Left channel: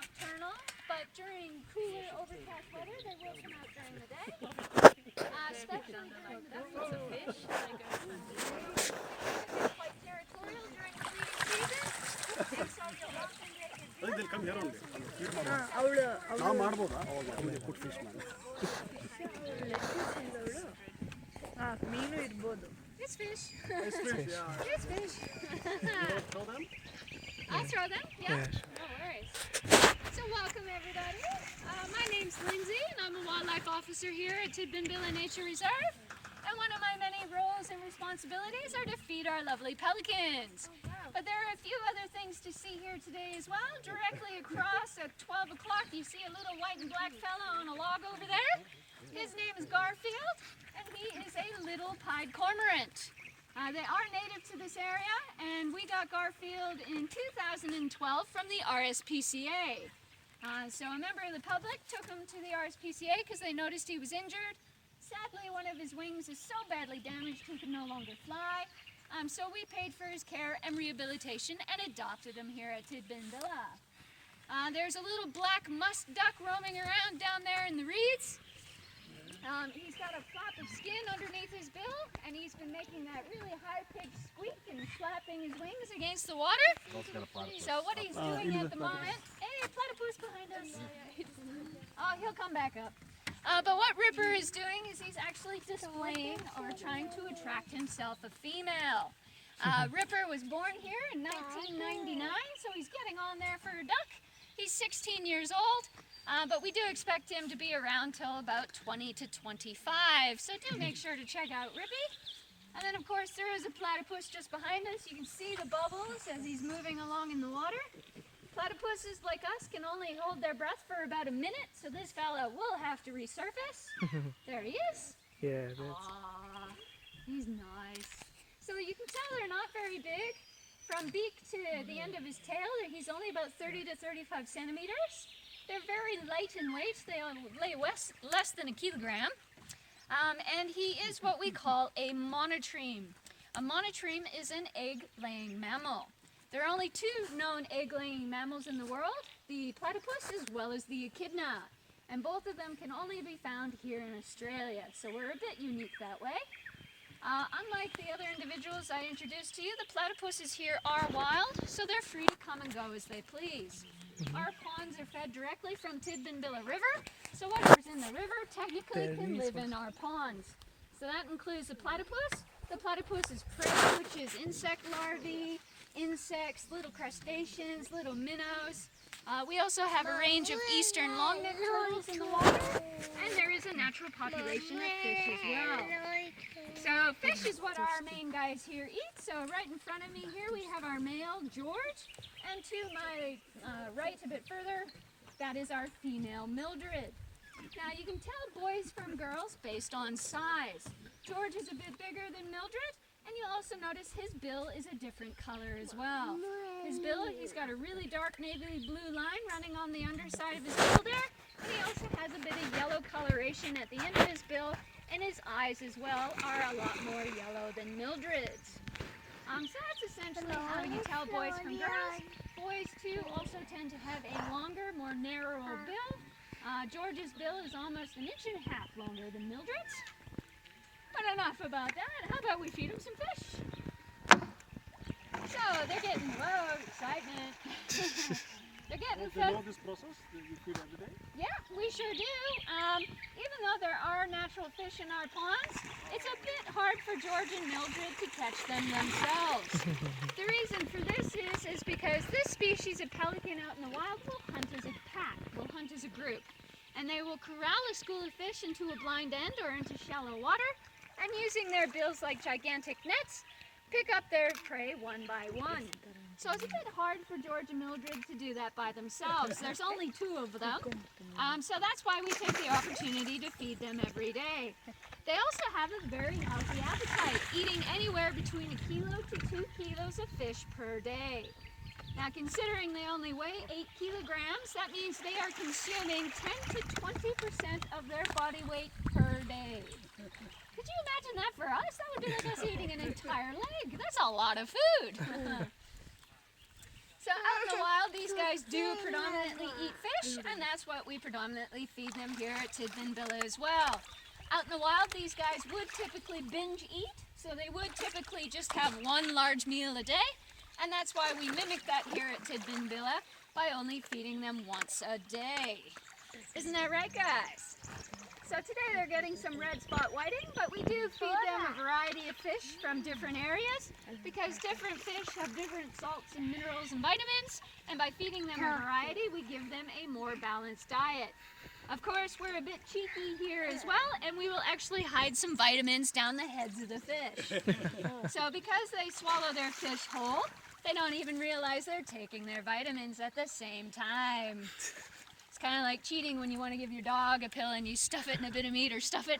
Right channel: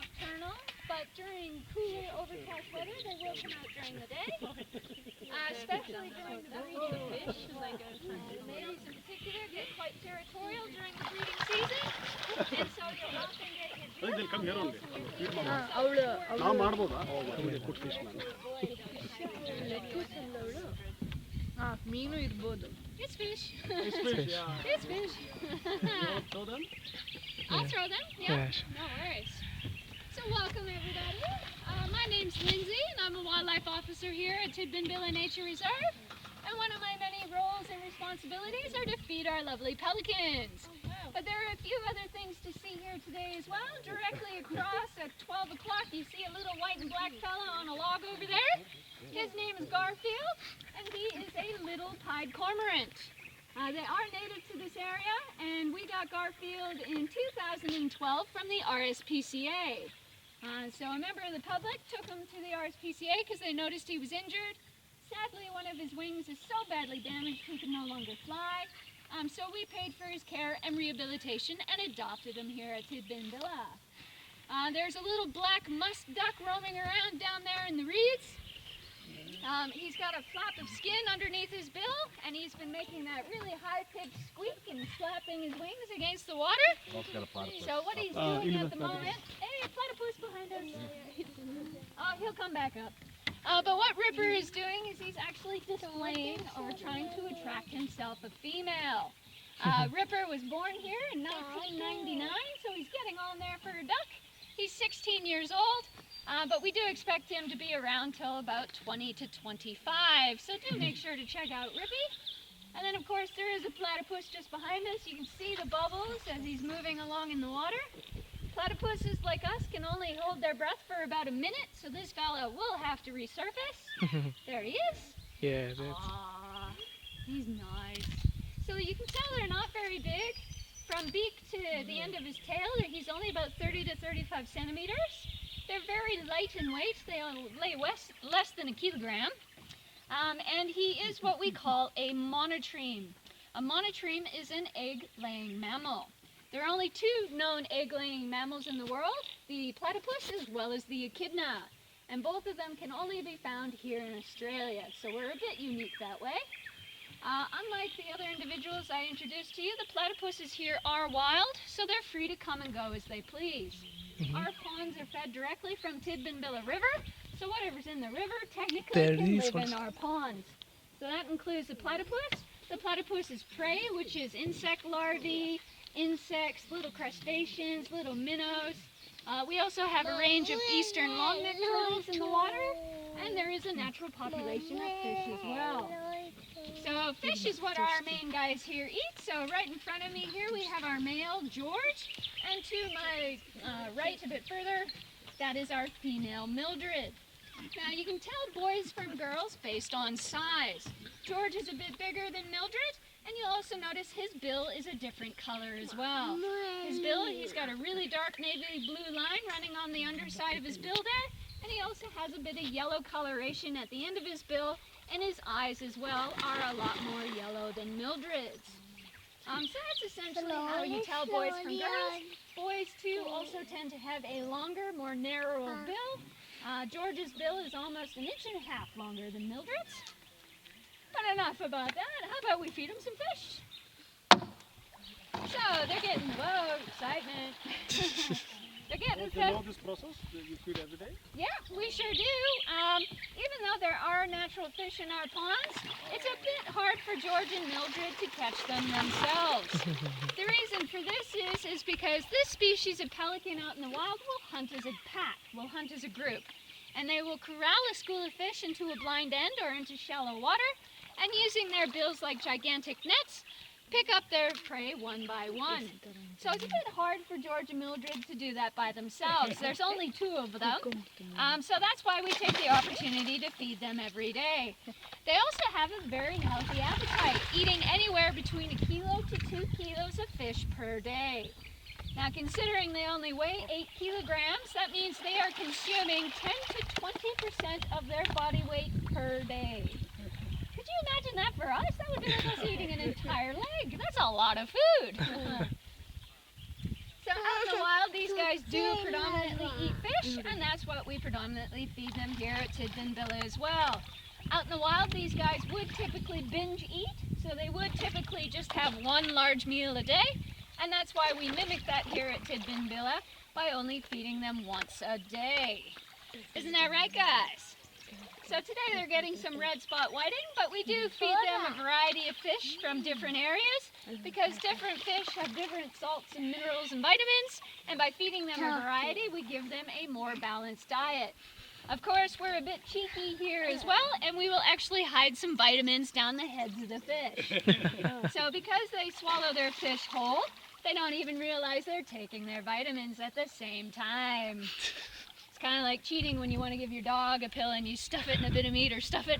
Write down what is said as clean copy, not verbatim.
nocturnal, but during cooler, overcast weather, they will come out during the day, especially during the breeding of fish. Ladies in particular get quite territorial during the breeding season, and so you'll often get your They'll come here only. ಮೀನು ಇರ್ಬೋದು. It's fish. It's fish, yeah. It's fish. Throw them? I'll throw them. Yeah, no worries. So welcome everybody. My name's Lindsay and I'm a wildlife officer here at Tidbinbilla Nature Reserve. And one of my many roles and responsibilities are to feed our lovely pelicans. But there are a few other things to see here today as well. Directly across at 12 o'clock you see a little white and black fella on a log over there. His name is Garfield and he is a little pied cormorant. They are native to this area, and we got Garfield in 2012 from the RSPCA. So a member of the public took him to the RSPCA because they noticed he was injured. Sadly, one of his wings is so badly damaged he can no longer fly. So we paid for his care and rehabilitation and adopted him here at Tidbinbilla. There's a little black musk duck roaming around down there in the reeds. He's got a flap of skin underneath his bill, and he's been making that really high-pitched squeak and slapping his wings against the water. So what he's doing at the moment... Hey, a platypus behind us. Oh, he'll come back up. But what Ripper is doing is he's actually displaying or trying to attract himself a female. Ripper was born here in 1999, so he's getting on there for a duck. He's 16 years old. But we do expect him to be around till about 20 to 25, so do make sure to check out Rippy. And then of course there is a platypus just behind us. You can see the bubbles as he's moving along in the water. Platypuses like us can only hold their breath for about a minute, so this fella will have to resurface. There he is. Yeah, that's... Aww, he's nice. So you can tell they're not very big. From beak to the end of his tail, he's only about 30 to 35 centimeters. They're very light in weight. They weigh less than a kilogram. And he is what we call a monotreme. A monotreme is an egg-laying mammal. There are only two known egg-laying mammals in the world, the platypus as well as the echidna. And both of them can only be found here in Australia, so we're a bit unique that way. Unlike the other individuals I introduced to you, the platypuses here are wild, so they're free to come and go as they please. Our ponds are fed directly from Tidbinbilla River, so whatever's in the river technically can live in our ponds. So that includes the platypus. The platypus's prey, which is insect larvae, insects, little crustaceans, little minnows. We also have a range of eastern longneck turtles in the water, and there is a natural population of fish as well. So fish is what our main guys here eat. So right in front of me here we have our male, George, and to my right a bit further, that is our female, Mildred. Now you can tell boys from girls based on size. George is a bit bigger than Mildred, and you'll also notice his bill is a different color as well. His bill, he's got a really dark navy blue line running on the underside of his bill there, and he also has a bit of yellow coloration at the end of his bill, and his eyes as well are a lot more yellow than Mildred's. So that's essentially how you tell boys from girls. Boys too also tend to have a longer, more narrow bill. George's bill is almost 1.5 inches longer than Mildred's. But enough about that. How about we feed them some fish? So they're getting, whoa, excitement. They're getting fed. You know this process? You feed every day? Yeah, we sure do. Even though there are natural fish in our ponds, it's a bit hard for George and Mildred to catch them themselves. The reason for this is because this species of pelican out in the wild will hunt as a pack, will hunt as a group. And they will corral a school of fish into a blind end or into shallow water, and using their bills like gigantic nets, pick up their prey one by one. So it's a bit hard for George and Mildred to do that by themselves. There's only two of them, so that's why we take the opportunity to feed them every day. They also have a very healthy appetite, eating anywhere between 1 kilo to 2 kilos of fish per day. Now considering they only weigh 8 kilograms, that means they are consuming 10 to 20% of their body weight per day. Could you imagine that for us? That would be like us eating an entire leg. That's a lot of food. So So out in the wild, these guys do predominantly eat fish, and that's what we predominantly feed them here at Tidbinbilla as well. Out in the wild, these guys would typically binge eat, so they would typically just have one large meal a day, and that's why we mimic that here at Tidbinbilla by only feeding them once a day. Isn't that right, guys? So today they're getting some red spot whiting, but we do feed them a variety of fish from different areas because different fish have different salts and minerals and vitamins, and by feeding them a variety, we give them a more balanced diet. Of course, we're a bit cheeky here as well, and we will actually hide some vitamins down the heads of the fish. So because they swallow their fish whole, they don't even realize they're taking their vitamins at the same time. It's kind of like cheating when you want to give your dog a pill and you stuff it in a bit of meat or stuff it